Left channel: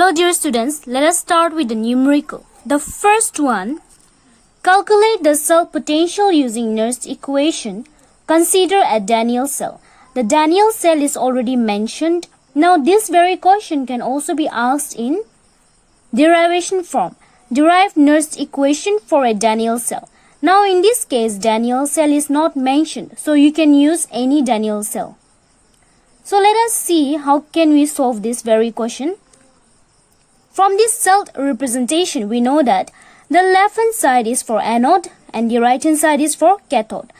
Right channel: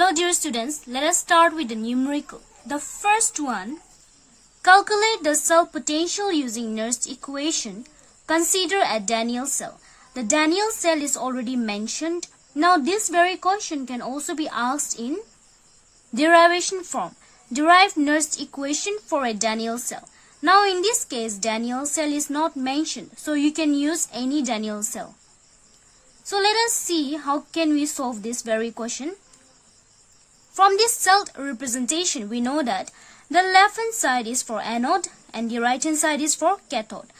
Hello dear students, let us start with the numerical. The first one, calculate the cell potential using Nernst equation. Consider a Daniell cell. The Daniell cell is already mentioned. Now this very question can also be asked in derivation form. Derive Nernst equation for a Daniell cell. Now in this case, Daniell cell is not mentioned, so you can use any Daniell cell. So let us see how can we solve this very question. From this cell representation, we know that the left hand side is for anode and the right hand side is for cathode.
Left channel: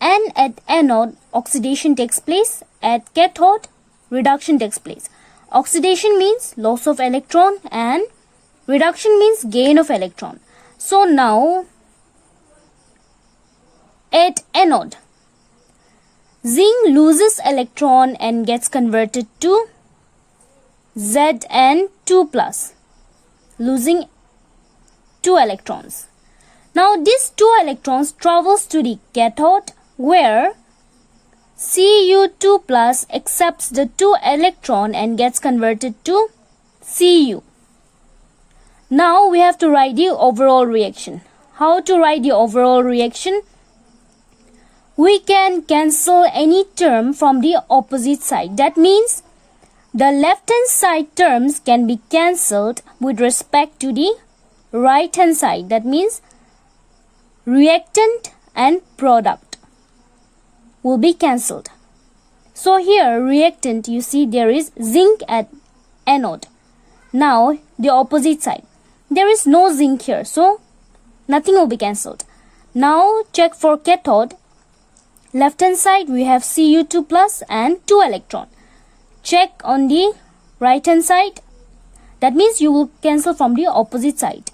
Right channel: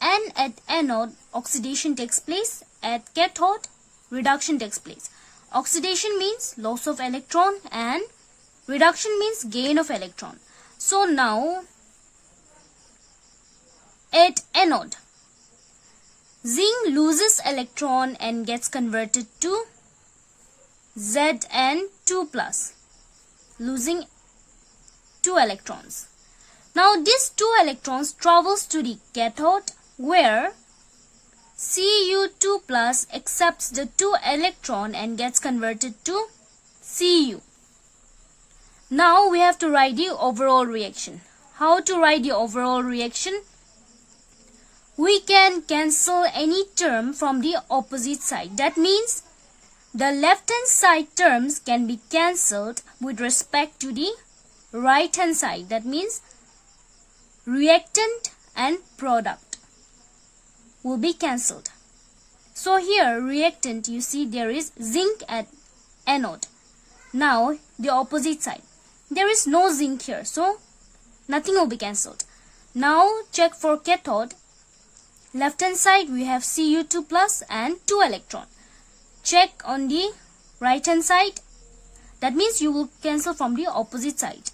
And at anode, oxidation takes place. At cathode, reduction takes place. Oxidation means loss of electron and reduction means gain of electron. So now, at anode, zinc loses electron and gets converted to Zn2+, losing 2 electrons. Now these 2 electrons travels to the cathode where Cu2+ accepts the 2 electron and gets converted to Cu. Now we have to write the overall reaction. How to write the overall reaction? We can cancel any term from the opposite side. That means the left hand side terms can be cancelled with respect to the right hand side. That means reactant and product will be cancelled. So here reactant, you see there is zinc at anode. Now the opposite side, there is no zinc here, so nothing will be cancelled. Now check for cathode. Left hand side we have Cu2+ and 2 electron. Check on the right hand side. That means you will cancel from the opposite side.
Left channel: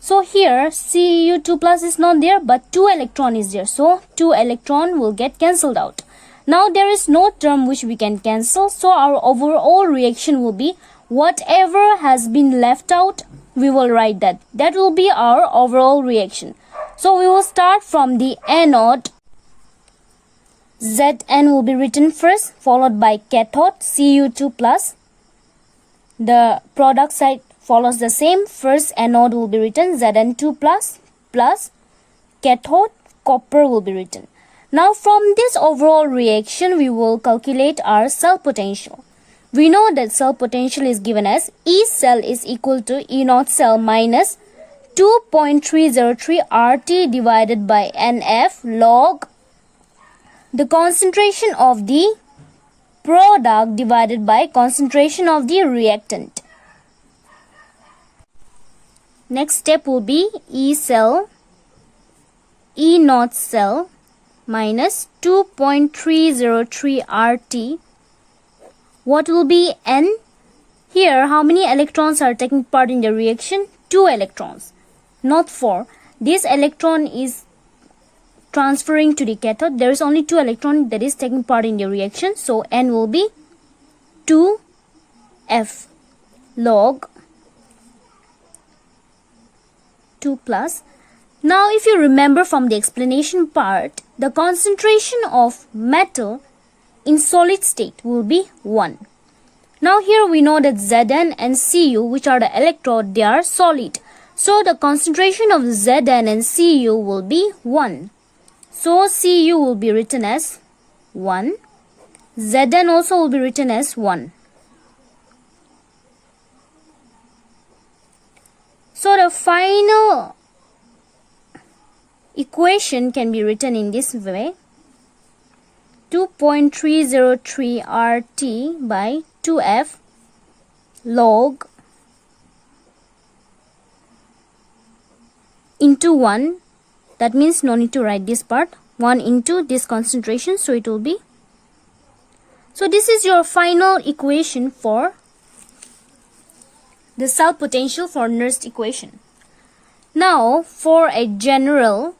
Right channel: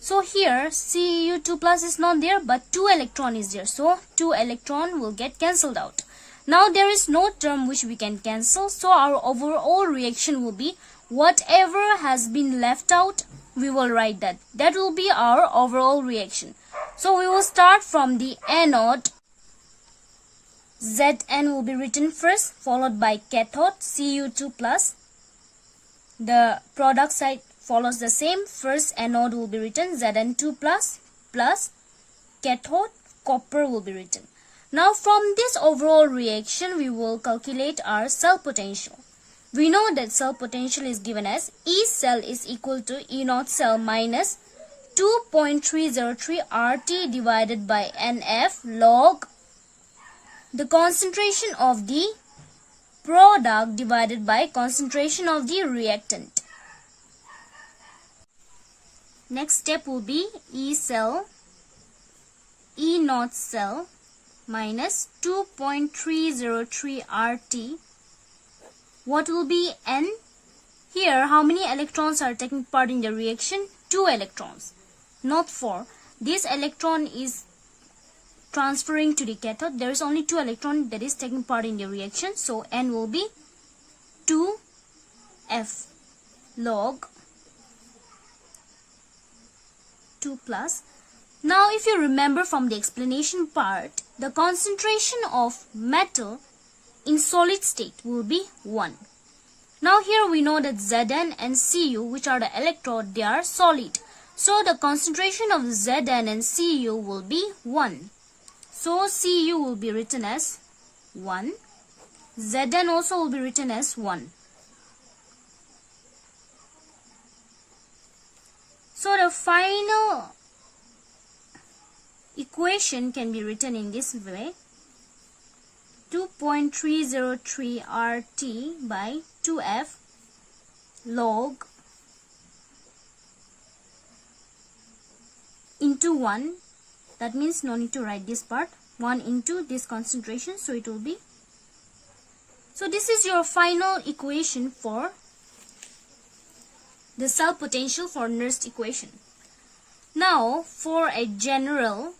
So here Cu2+ is not there, but 2 electron is there. So 2 electron will get cancelled out. Now there is no term which we can cancel. So our overall reaction will be whatever has been left out, we will write that. That will be our overall reaction. So we will start from the anode. Zn will be written first, followed by cathode Cu2+. The product side follows the same. First anode will be written Zn2+ plus cathode copper will be written. Now from this overall reaction, we will calculate our cell potential. We know that cell potential is given as E cell is equal to E naught cell minus 2.303 RT divided by NF log the concentration of the product divided by concentration of the reactant. Next step will be E cell, E naught cell minus 2.303 RT. What will be N? Here, how many electrons are taking part in the reaction? 2 electrons, not 4. This electron is transferring to the cathode. There is only 2 electrons that is taking part in the reaction. So N will be 2F log 2 plus. Now if you remember from the explanation part, the concentration of metal in solid state will be 1. Now here we know that Zn and Cu, which are the electrode, they are solid. So the concentration of Zn and Cu will be 1. So Cu will be written as 1. Zn also will be written as 1. So the final equation can be written in this way. 2.303 RT by 2F log into 1. That means no need to write this part. 1 into this concentration. So it will be. So this is your final equation for the cell potential for Nernst equation. Now for a general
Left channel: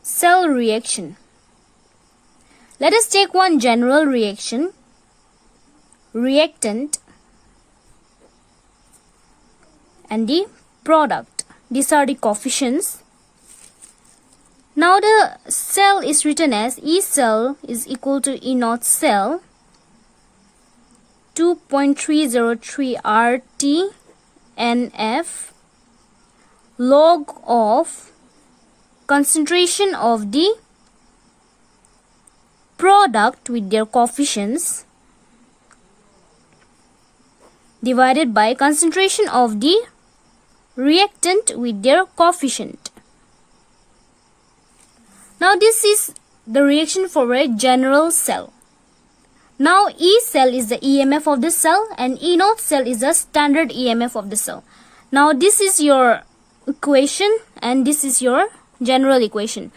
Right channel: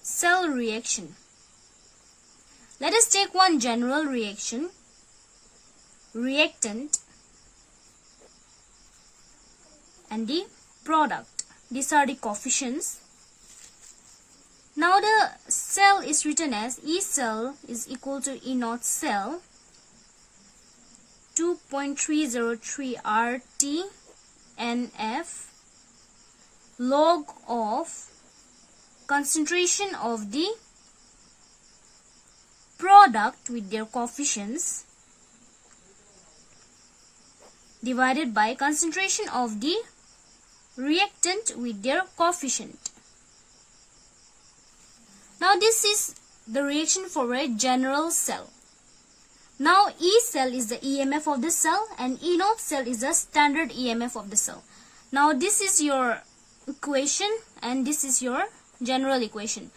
cell reaction. Let us take one general reaction. Reactant and the product. These are the coefficients. Now the cell is written as E cell is equal to E naught cell 2 2.303 RT/NF log of concentration of the product with their coefficients divided by concentration of the reactant with their coefficient. Now this is the reaction for a general cell. Now E cell is the EMF of the cell and E naught cell is the standard EMF of the cell. Now this is your equation and this is your general equation.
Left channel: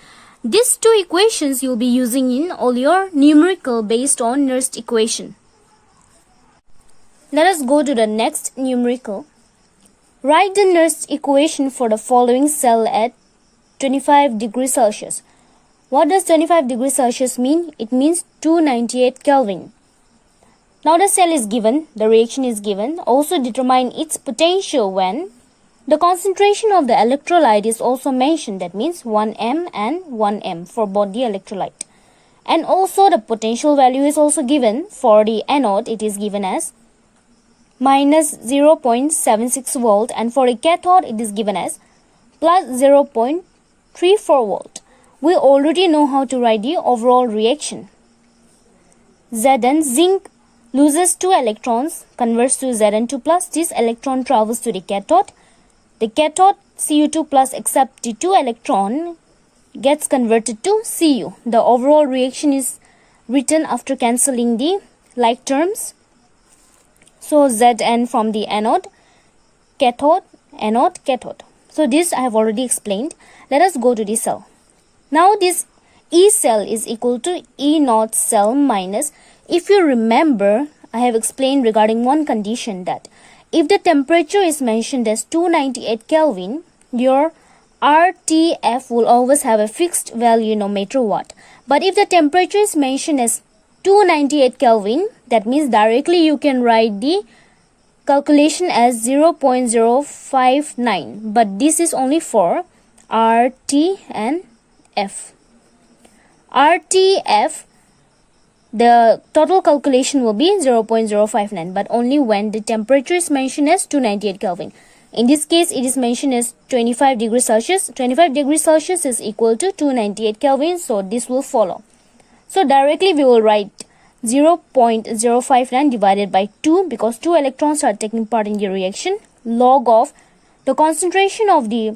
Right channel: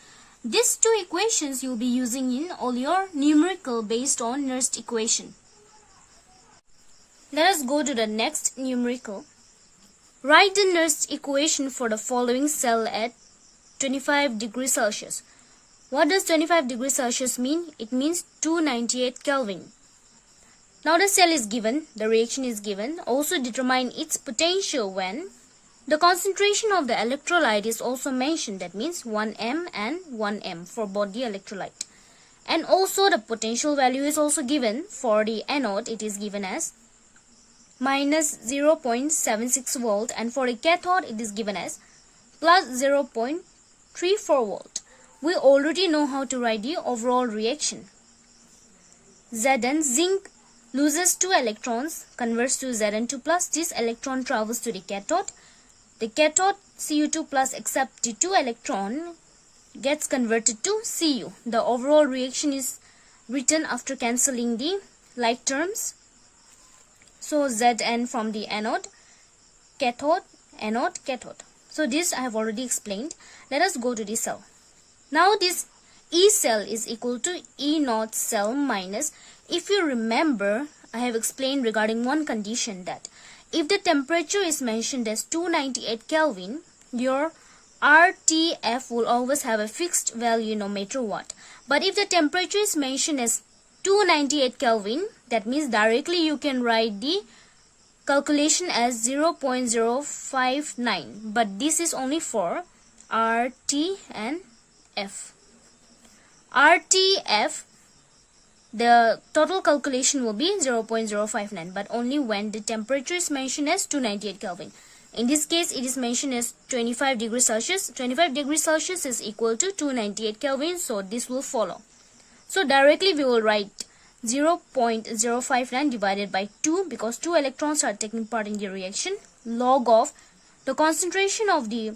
These two equations you will be using in all your numerical based on Nernst equation. Let us go to the next numerical. Write the Nernst equation for the following cell at 25 degrees Celsius. What does 25 degrees Celsius mean? It means 298 Kelvin. Now the cell is given, the reaction is given. Also determine its potential when the concentration of the electrolyte is also mentioned. That means 1m and 1m for both the electrolyte. And also the potential value is also given. For the anode it is given as minus 0.76 volt and for the cathode it is given as plus 0.34 volt. We already know how to write the overall reaction. Zn, zinc loses 2 electrons, converts to Zn2 plus. This electron travels to the cathode. The cathode Cu2 plus accepts the 2 electron, gets converted to Cu. The overall reaction is written after cancelling the like terms. So Zn from the anode, cathode, anode, cathode. So this I have already explained. Let us go to the cell. Now this E cell is equal to E naught cell minus, if you remember, I have explained regarding one condition that if the temperature is mentioned as 298 Kelvin, your RTF will always have a fixed value no matter what. But if the temperature is mentioned as 298 Kelvin, that means directly you can write the calculation as 0.059. But this is only for RT and F. RTF, the total calculation will be 0.059, but only when the temperature is mentioned as 298 Kelvin. In this case, it is mentioned as 25 degrees Celsius. 25 degrees Celsius is equal to 298 Kelvin, so this will follow. So directly we will write 0.059 divided by 2 because 2 electrons are taking part in the reaction, log of the concentration of the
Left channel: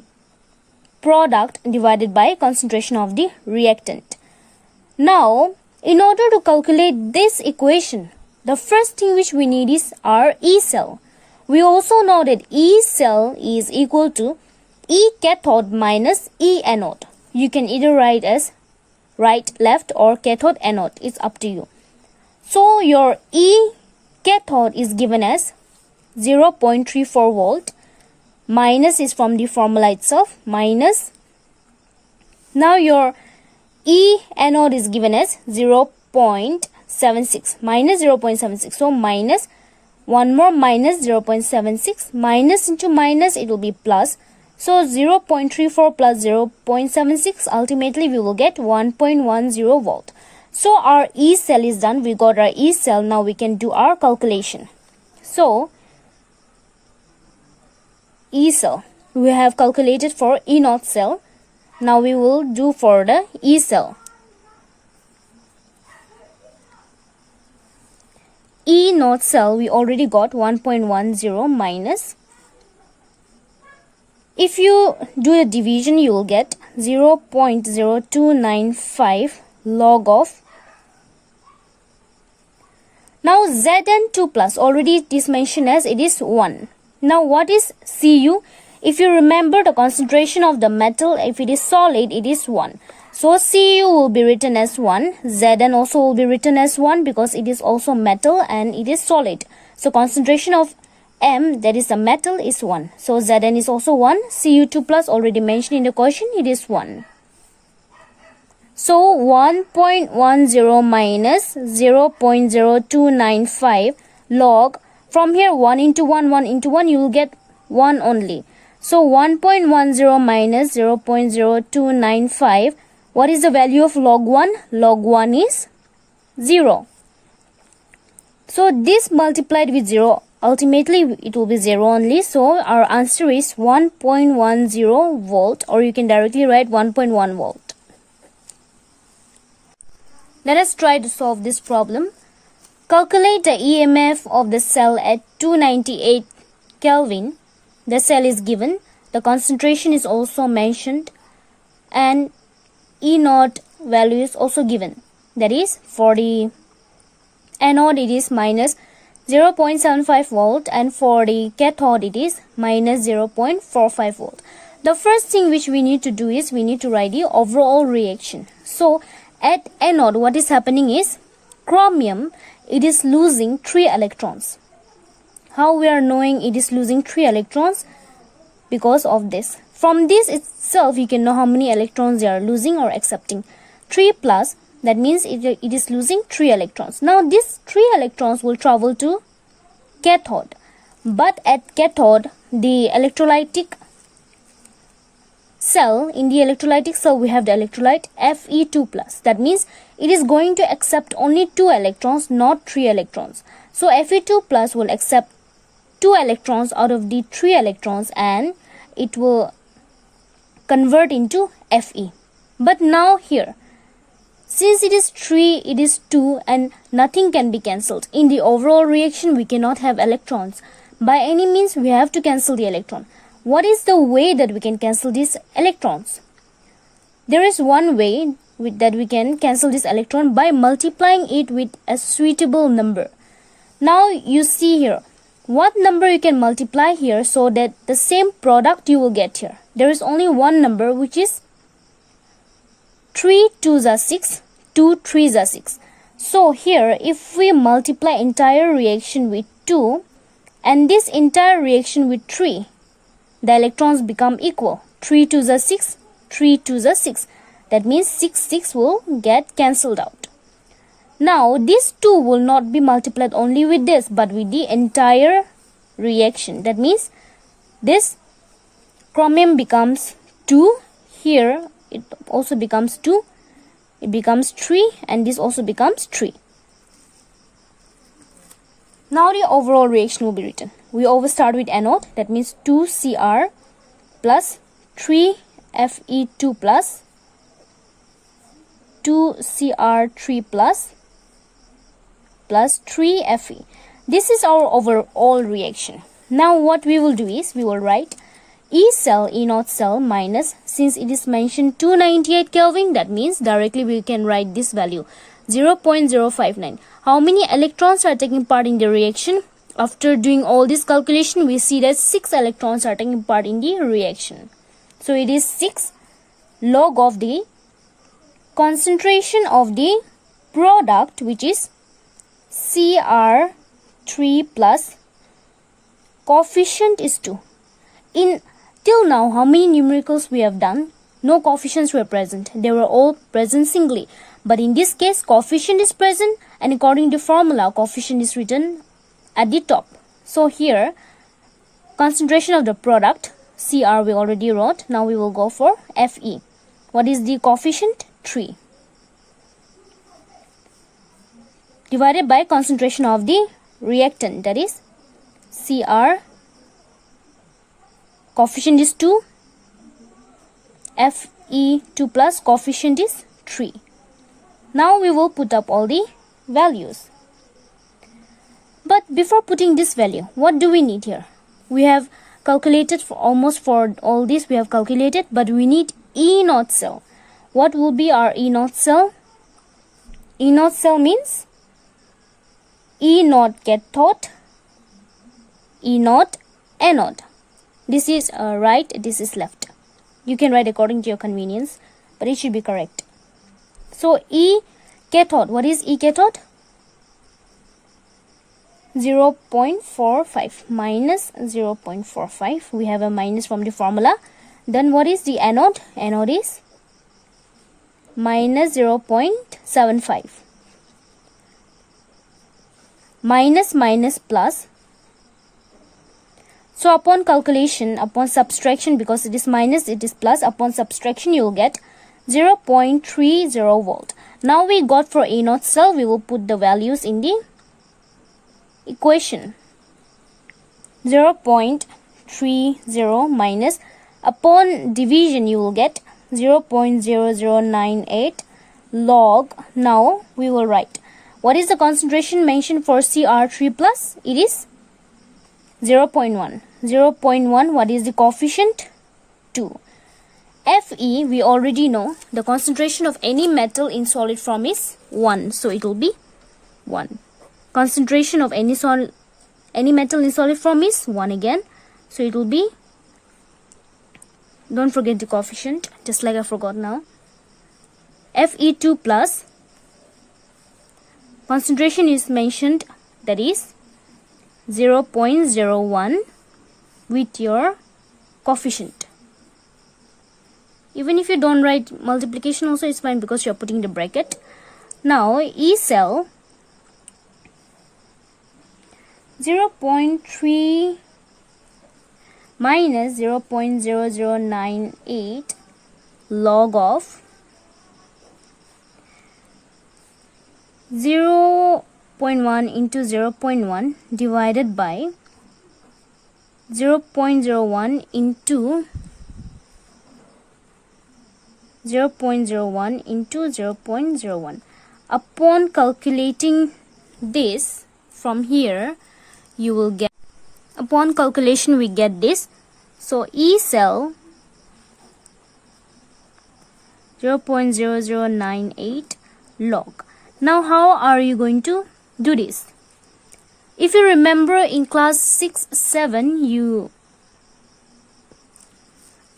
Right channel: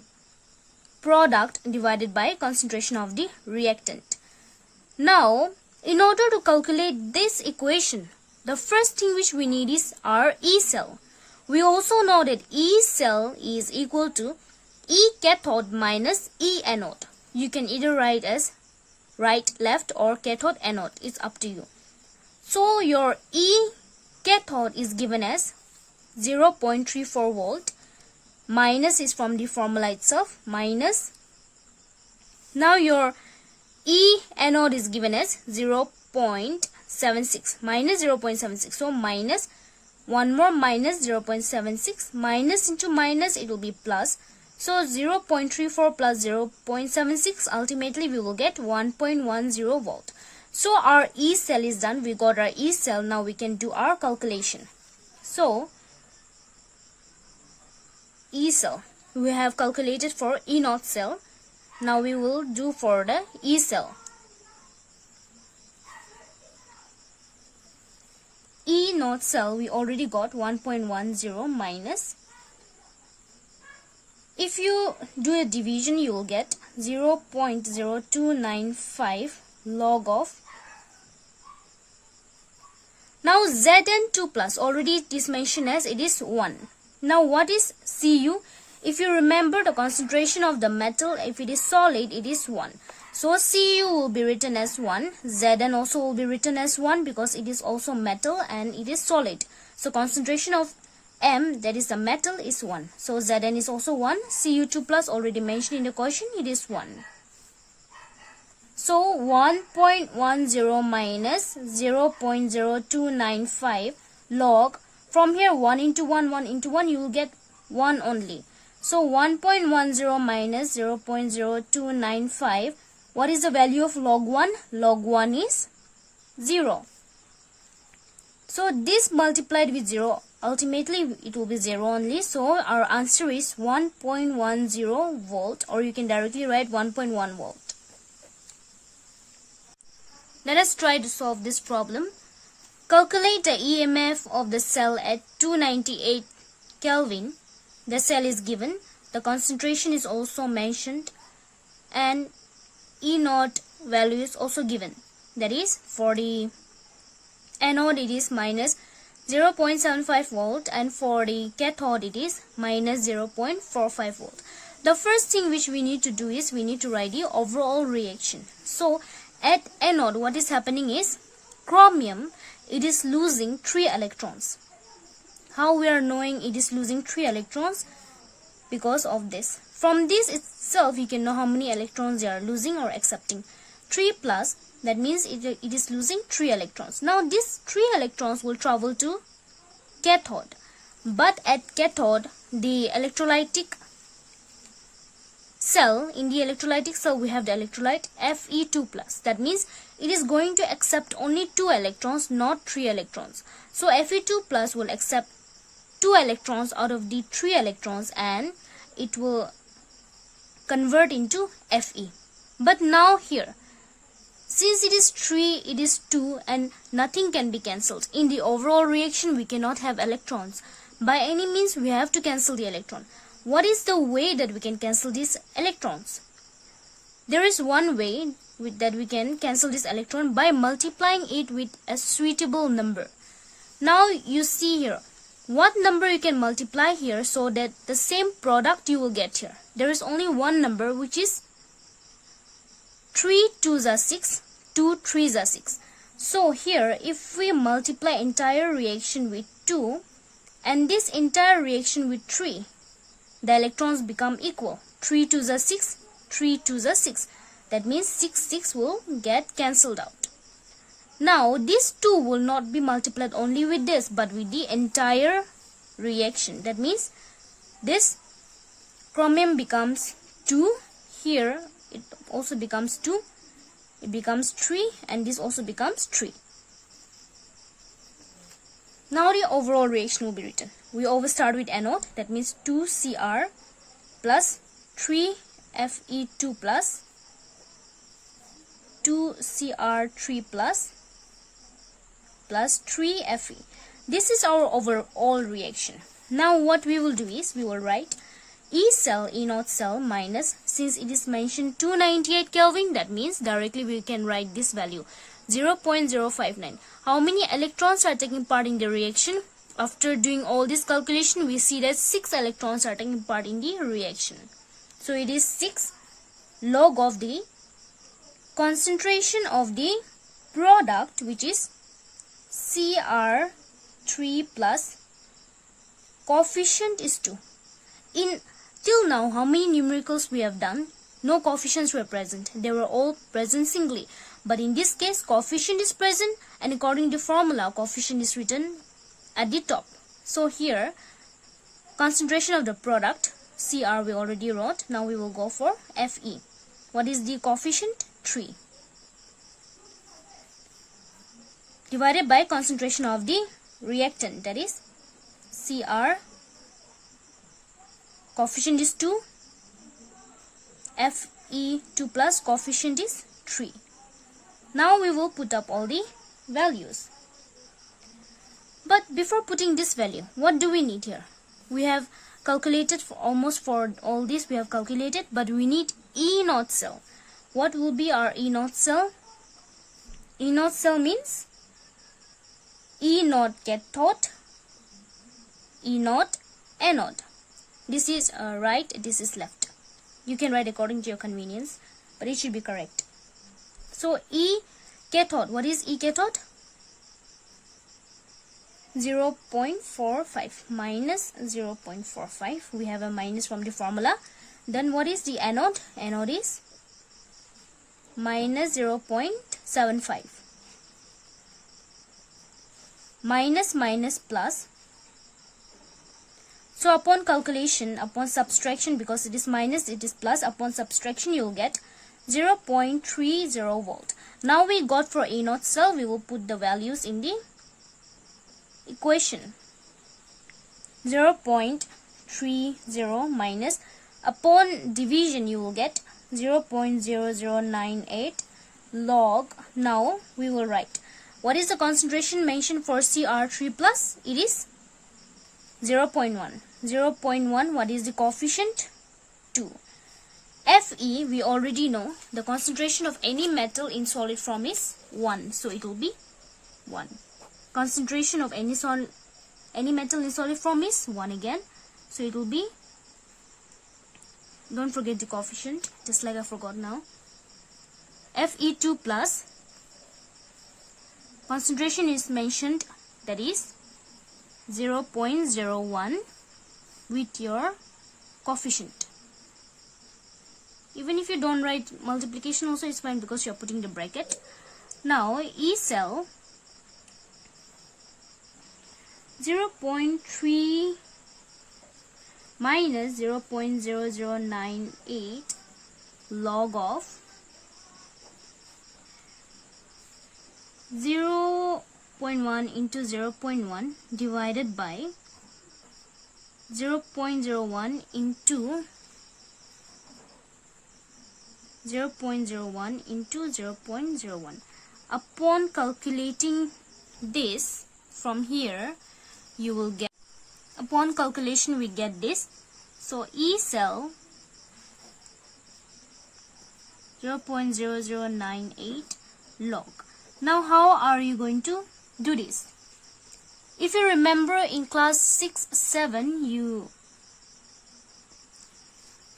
product divided by concentration of the reactant. Now, in order to calculate this equation, the first thing which we need is our E cell. We also know that E cell is equal to E cathode minus E anode. You can either write as right, left or cathode, anode. It's up to you. So your E cathode is given as 0.34 volt. Minus is from the formula itself. Minus. Now your E anode is given as 0.76. Minus 0.76. So minus. One more minus 0.76. Minus into minus it will be plus. So 0.34 plus 0.76. Ultimately we will get 1.10 volt. So our E cell is done. We got our E cell. Now we can do our calculation. So E cell we have calculated for E naught cell. Now we will do for the E cell. E naught cell we already got 1.10 minus. If you do the division you will get 0.0295 log of. Now Zn2 plus already it is mentioned as it is 1. Now what is Cu? If you remember the concentration of the metal, if it is solid it is 1. So Cu will be written as 1. Zn also will be written as 1 because it is also metal and it is solid. So concentration of M, that is the metal, is 1. So Zn is also 1. Cu2 plus already mentioned in the question, it is 1. So 1.10 minus 0.0295 log. From here 1 into 1, 1 into 1, you will get 1 only. So 1.10 minus 0.0295. What is the value of log 1? Log 1 is 0. So this multiplied with 0, ultimately it will be 0 only. So our answer is 1.10 volt, or you can directly write 1.1 volt. Let us try to solve this problem. Calculate the EMF of the cell at 298 Kelvin. The cell is given. The concentration is also mentioned. And E0 value is also given. That is, for the anode it is minus 0.75 volt, and for the cathode it is minus 0.45 volt. The first thing which we need to do is we need to write the overall reaction. So at anode what is happening is chromium, it is losing 3 electrons. How we are knowing it is losing 3 electrons? Because of this. From this itself you can know how many electrons they are losing or accepting. 3 plus, that means it is losing 3 electrons. Now these 3 electrons will travel to cathode. But at cathode, the electrolytic cell, in the electrolytic cell we have the electrolyte Fe2 plus. That means it is going to accept only 2 electrons, not 3 electrons. So Fe2 plus will accept 2 electrons out of the 3 electrons, and it will convert into Fe. But now here, since it is 3, it is 2, and nothing can be cancelled. In the overall reaction, we cannot have electrons. By any means, we have to cancel the electron. What is the way that we can cancel these electrons? There is one way that we can cancel this electron by multiplying it with a suitable number. Now you see here, what number you can multiply here so that the same product you will get here. There is only one number, which is 3 2s are 6, 2 3s are 6. So here if we multiply entire reaction with 2 and this entire reaction with 3, the electrons become equal. 3 2s are 6, 3 2s are 6. That means 6 6 will get cancelled out. Now these 2 will not be multiplied only with this, but with the entire reaction. That means this chromium becomes 2, here it also becomes 2, it becomes 3, and this also becomes 3. Now the overall reaction will be written. We always start with anode, that means 2Cr plus 3Fe2 plus 2Cr3 plus 3Fe. This is our overall reaction. Now what we will do is we will write E cell, E0 cell minus, since it is mentioned 298 Kelvin, that means directly we can write this value 0.059. How many electrons are taking part in the reaction? After doing all this calculation, we see that 6 electrons are taking part in the reaction. So it is 6 log of the concentration of the product, which is Cr3 plus coefficient is 2. Till now, how many numericals we have done? No coefficients were present. They were all present singly. But in this case, coefficient is present, and according to formula, coefficient is written at the top. So here, concentration of the product, Cr we already wrote. Now we will go for Fe. What is the coefficient? 3. Divided by concentration of the reactant, that is Cr. Coefficient is 2, Fe2 plus coefficient is 3. Now we will put up all the values. But before putting this value, what do we need here? We have calculated for all this we have calculated, but we need E0 cell. What will be our E0 cell? E0 cell means E0 cathode, E0 anode. This is right, this is left. You can write according to your convenience, but it should be correct. So E cathode, what is E cathode? 0.45 minus 0.45. We have a minus from the formula. Then what is the anode? Anode is minus 0.75. Minus plus. So upon calculation, upon subtraction, because it is minus, it is plus, upon subtraction you will get 0.30 volt. Now we got for E0 cell, we will put the values in the equation. 0.30 minus, upon division you will get 0.0098 log. Now we will write what is the concentration mentioned for Cr3 plus. It is 0.1. 0.1, what is the coefficient? 2. Fe, we already know the concentration of any metal in solid form is 1, so it will be 1. Concentration of any metal in solid form is 1 again, so it will be, don't forget the coefficient, just like I forgot now, Fe2 plus, concentration is mentioned, that is 0.01 with your coefficient. Even if you don't write multiplication also, it's fine because you're putting the bracket. Now E cell 0.3 minus 0.0098 log of 0.1 into 0.1 divided by 0.01 into 0.01 into 0.01. Upon calculating this from here, you will get, upon calculation we get this. So E cell 0.0098 log. Now how are you going to do this? If you remember in class 6-7 you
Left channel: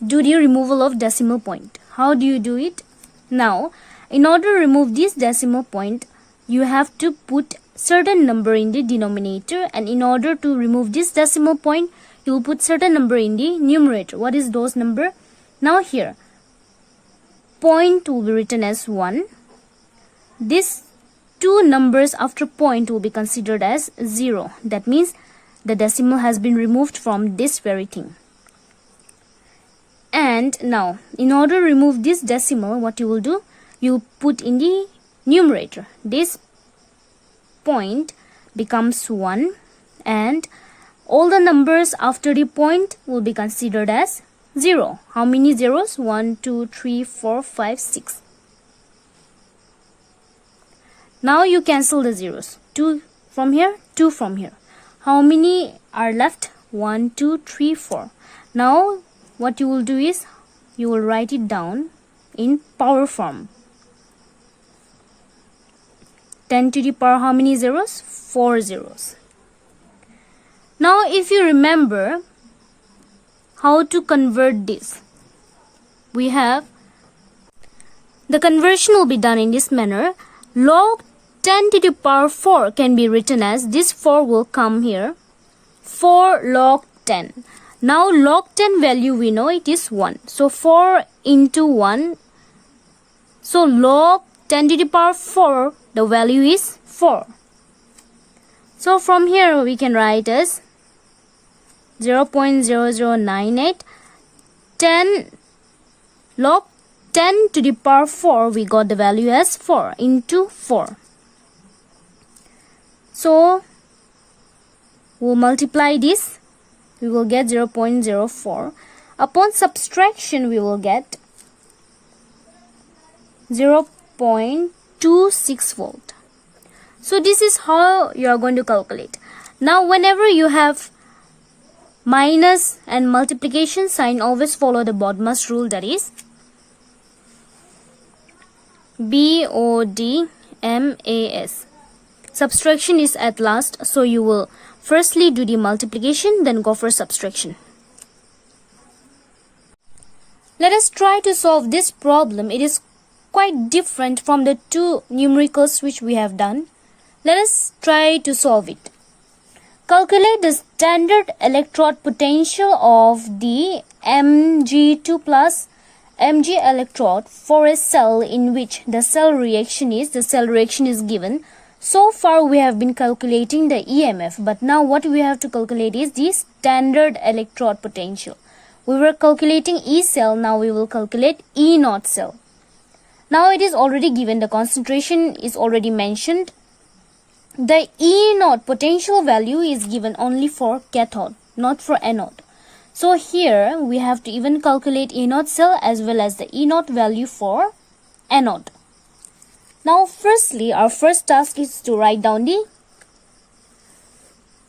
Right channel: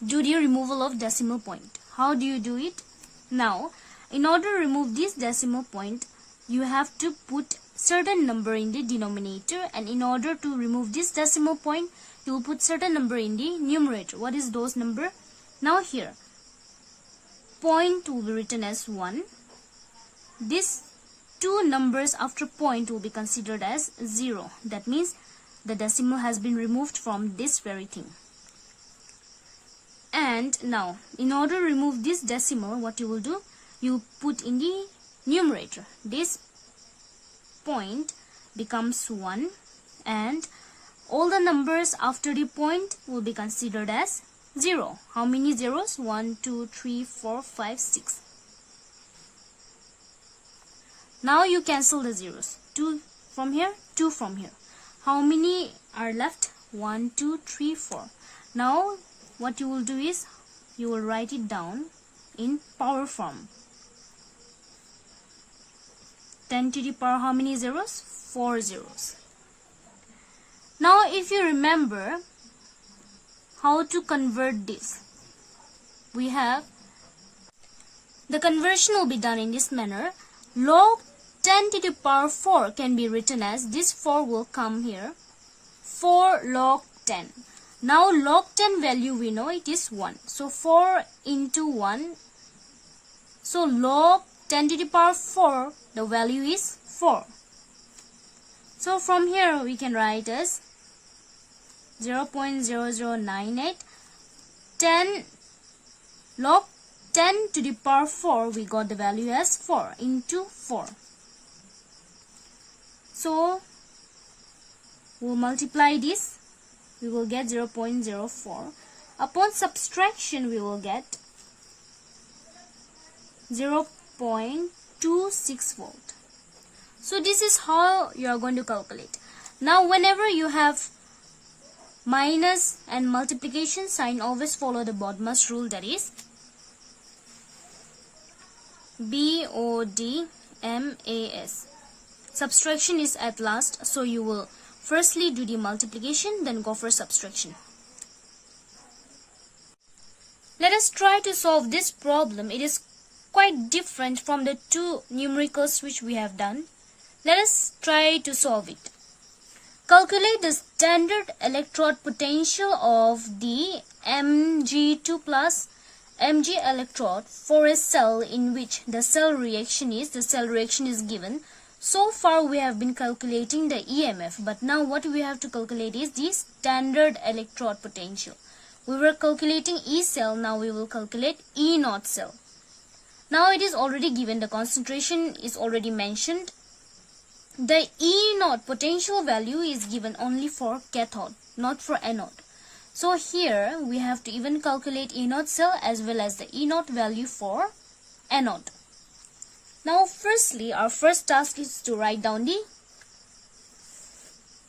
do the removal of decimal point. How do you do it? Now in order to remove this decimal point, you have to put certain number in the denominator, and in order to remove this decimal point, you will put certain number in the numerator. What is those number? Now here point will be written as 1. This two numbers after point will be considered as 0. That means the decimal has been removed from this very thing. And now in order to remove this decimal, what you will do? You put in the numerator. This point becomes 1 and all the numbers after the point will be considered as 0. How many zeros? 1, 2, 3, 4, 5, 6. Now you cancel the zeros. 2 from here, 2 from here. How many are left? 1, 2, 3, 4. Now what you will do is you will write it down in power form. 10 to the power how many zeros? 4 zeros. Now if you remember how to convert this, we have the conversion will be done in this manner. Log 10 to the power 4 can be written as, this 4 will come here, 4 log 10. Now log 10 value we know it is 1. So 4 into 1. So log 10 to the power 4, the value is 4. So from here we can write as 0.0098. 10 log 10 to the power 4, we got the value as 4 into 4. So we'll multiply this, we will get 0.04. Upon subtraction we will get 0.26 volt. So this is how you are going to calculate. Now whenever you have minus and multiplication sign, always follow the BODMAS rule, that is BODMAS. Subtraction is at last, so you will firstly do the multiplication, then go for subtraction. Let us try to solve this problem. It is quite different from the two numericals which we have done. Let us try to solve it. Calculate the standard electrode potential of the Mg2 plus Mg electrode for a cell in which the cell reaction is given. So far we have been calculating the EMF, but now what we have to calculate is the standard electrode potential. We were calculating E cell, now we will calculate E naught cell. Now it is already given, the concentration is already mentioned. the E naught potential value is given only for cathode, not for anode. So here we have to even calculate E naught cell as well as the E naught value for anode. Now firstly, our first task is to write down the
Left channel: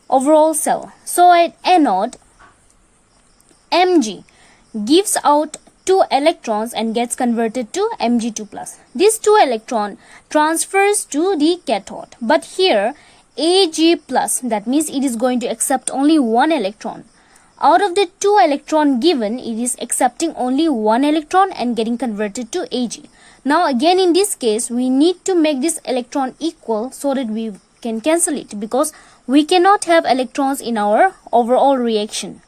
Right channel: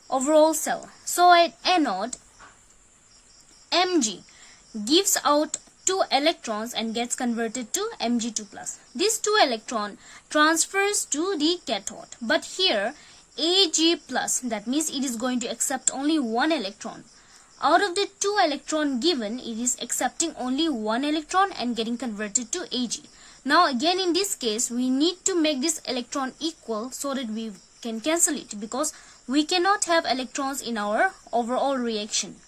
overall cell. So at anode, Mg gives out 2 electrons and gets converted to Mg2+. This 2 electron transfers to the cathode. But here Ag+, that means it is going to accept only 1 electron. Out of the 2 electron given, it is accepting only 1 electron and getting converted to Ag. Now again in this case, we need to make this electron equal so that we can cancel it, because we cannot have electrons in our overall reaction.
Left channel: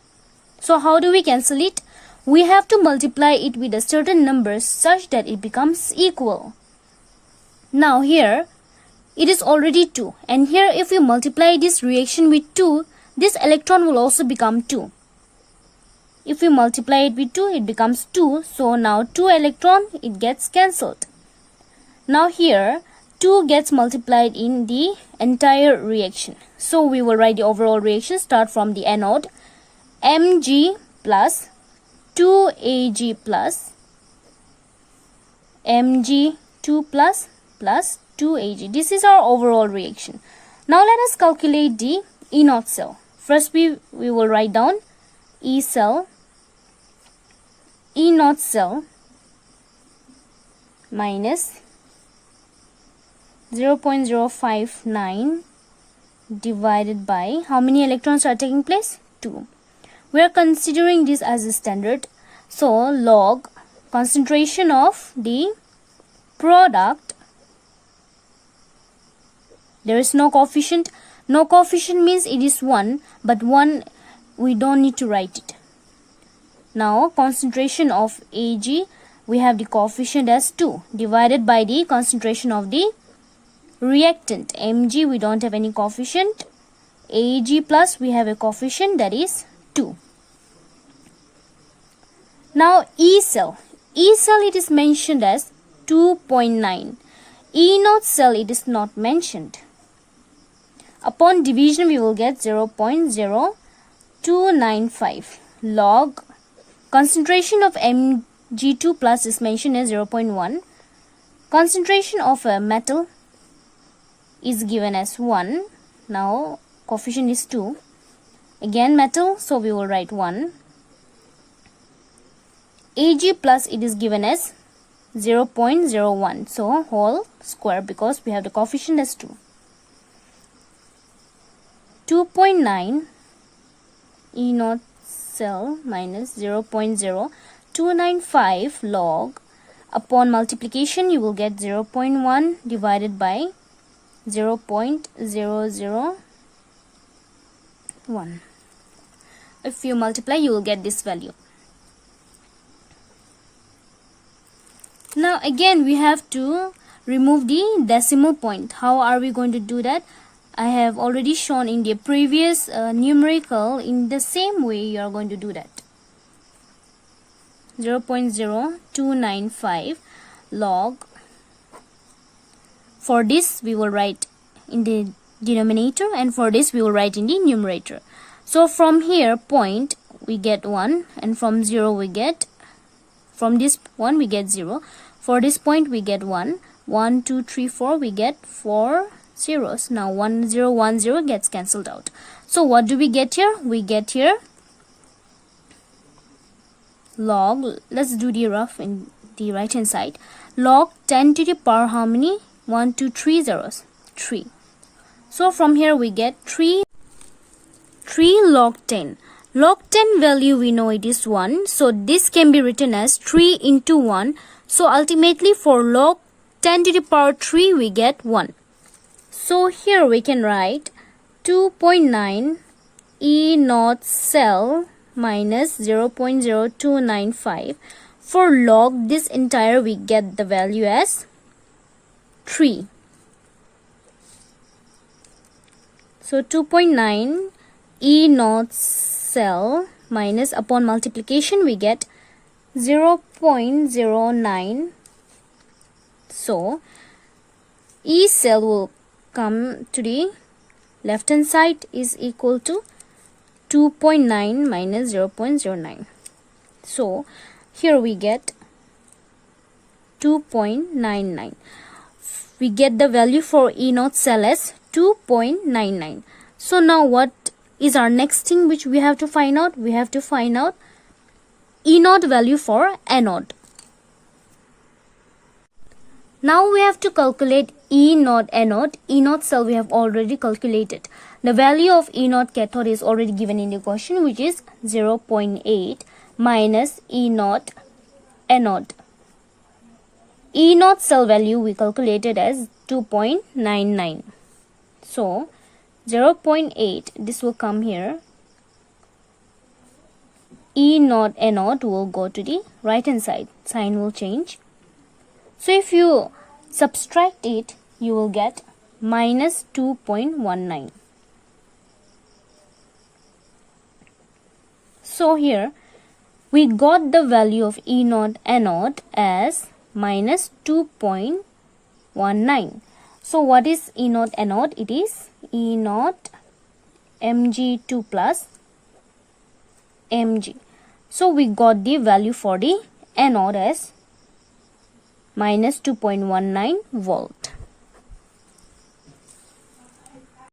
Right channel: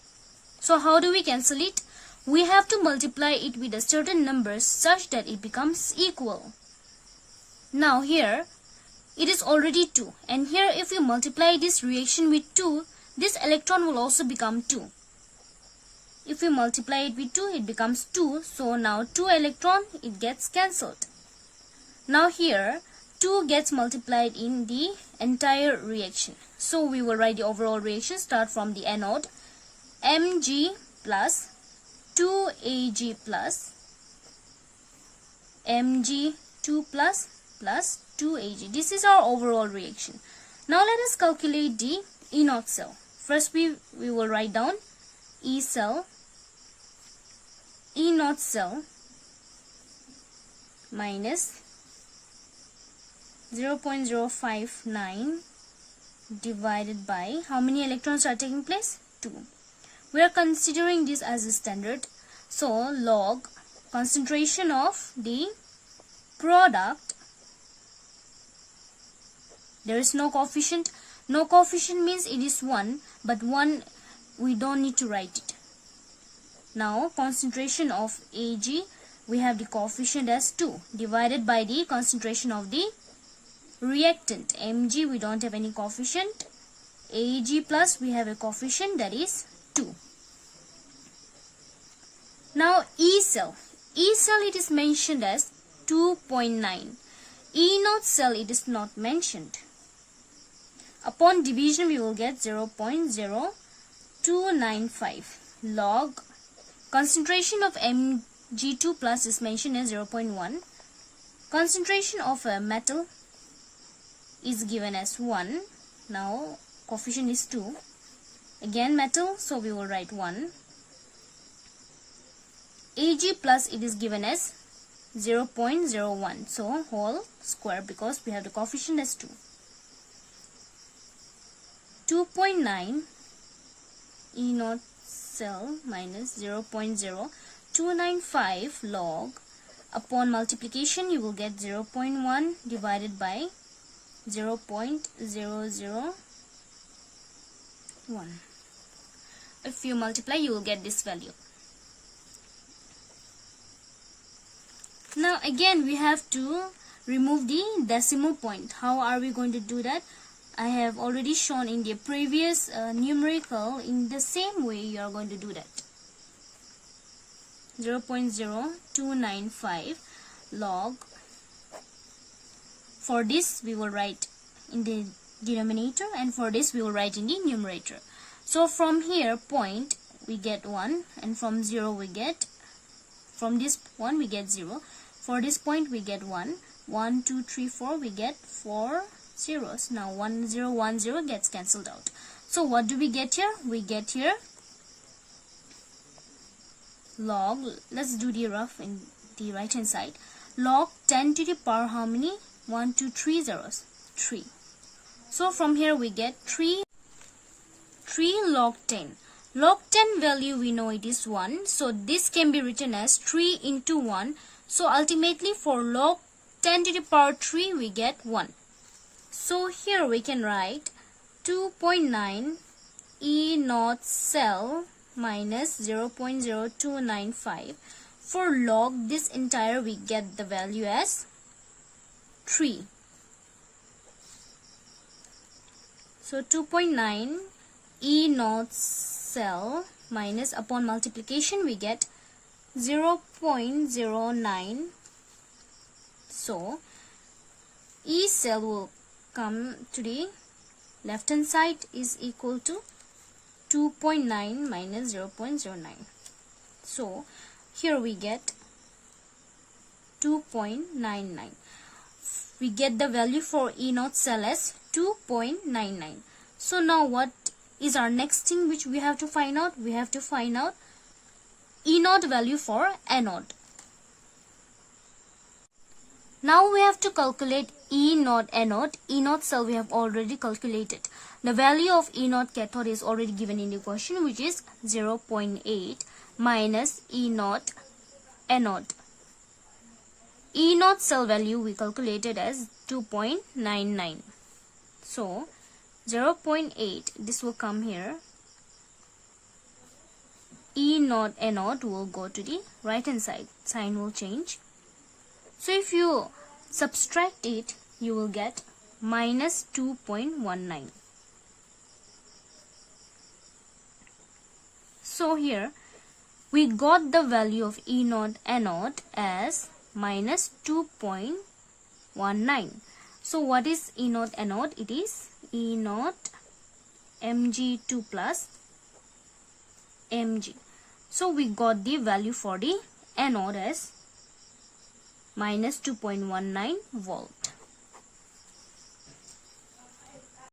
So how do we cancel it? We have to multiply it with a certain number such that it becomes equal. Now here, it is already 2. And here if you multiply this reaction with 2, this electron will also become 2. If you multiply it with 2, it becomes 2. So now 2 electron, it gets cancelled. Now here, 2 gets multiplied in the entire reaction. So we will write the overall reaction. Start from the anode. Mg plus 2Ag plus Mg2 plus 2Ag. This is our overall reaction. Now let us calculate the E naught cell. First we will write down E naught cell minus 0.059 divided by how many electrons are taking place? 2. We are considering this as a standard. So log concentration of the product. There is no coefficient. No coefficient means it is 1, but 1 we don't need to write it. Now concentration of Ag, we have the coefficient as 2 divided by the concentration of the reactant. Mg, we don't have any coefficient. Ag plus, we have a coefficient, that is 2. Now E cell. E cell, it is mentioned as 2.9. E naught cell, it is not mentioned. Upon division, we will get 0.0295. Log concentration of Mg2 plus is mentioned as 0.1. Concentration of a metal is given as 1. Now coefficient is 2. Again metal, so we will write 1. Ag plus, it is given as 0.01. So whole square, because we have the coefficient as 2. 2.9 E naught cell minus 0.0295 log. Upon multiplication, you will get 0.1 divided by 0.001. If you multiply, you will get this value. Now again, we have to remove the decimal point. How are we going to do that? I have already shown in the previous numerical. In the same way, you are going to do that. 0.0295 log. For this, we will write in the denominator, and for this, we will write in the numerator. So from here, point, we get 1, and from 0, we get, from this 1, we get 0. For this point, we get 1. 1, 2, 3, 4, we get 4 zeros. Now 1, 0, 1, 0 gets cancelled out. So what do we get here? We get here log, let's do the rough in the right hand side, log 10 to the power how many? 1, 2, 3 zeros, 3. So from here we get 3 log 10. Log 10 value, we know it is 1. So this can be written as 3 into 1. So ultimately for log 10 to the power 3, we get 1. So here we can write 2.9 E naught cell minus 0.0295. For log this entire, we get the value as 3. So 2.9 E naught cell minus, upon multiplication, we get 0.09. So E cell will come to the left hand side is equal to 2.9 minus 0.09. So here we get 2.99. We get the value for E naught cell as 2.99. So now what is our next thing which we have to find out? We have to find out E naught value for anode. Now we have to calculate E naught anode. E naught cell we have already calculated. The value of E naught cathode is already given in the question, which is 0.8 minus E naught anode. E naught cell value we calculated as 2.99. So 0.8, this will come here. E naught anode will go to the right hand side. Sign will change. So if you subtract it, you will get minus 2.19. So here we got the value of E naught anode as minus 2.19. So what is E naught anode? It is E naught Mg2 plus Mg. So we got the value for the anode as minus 2.19 volt.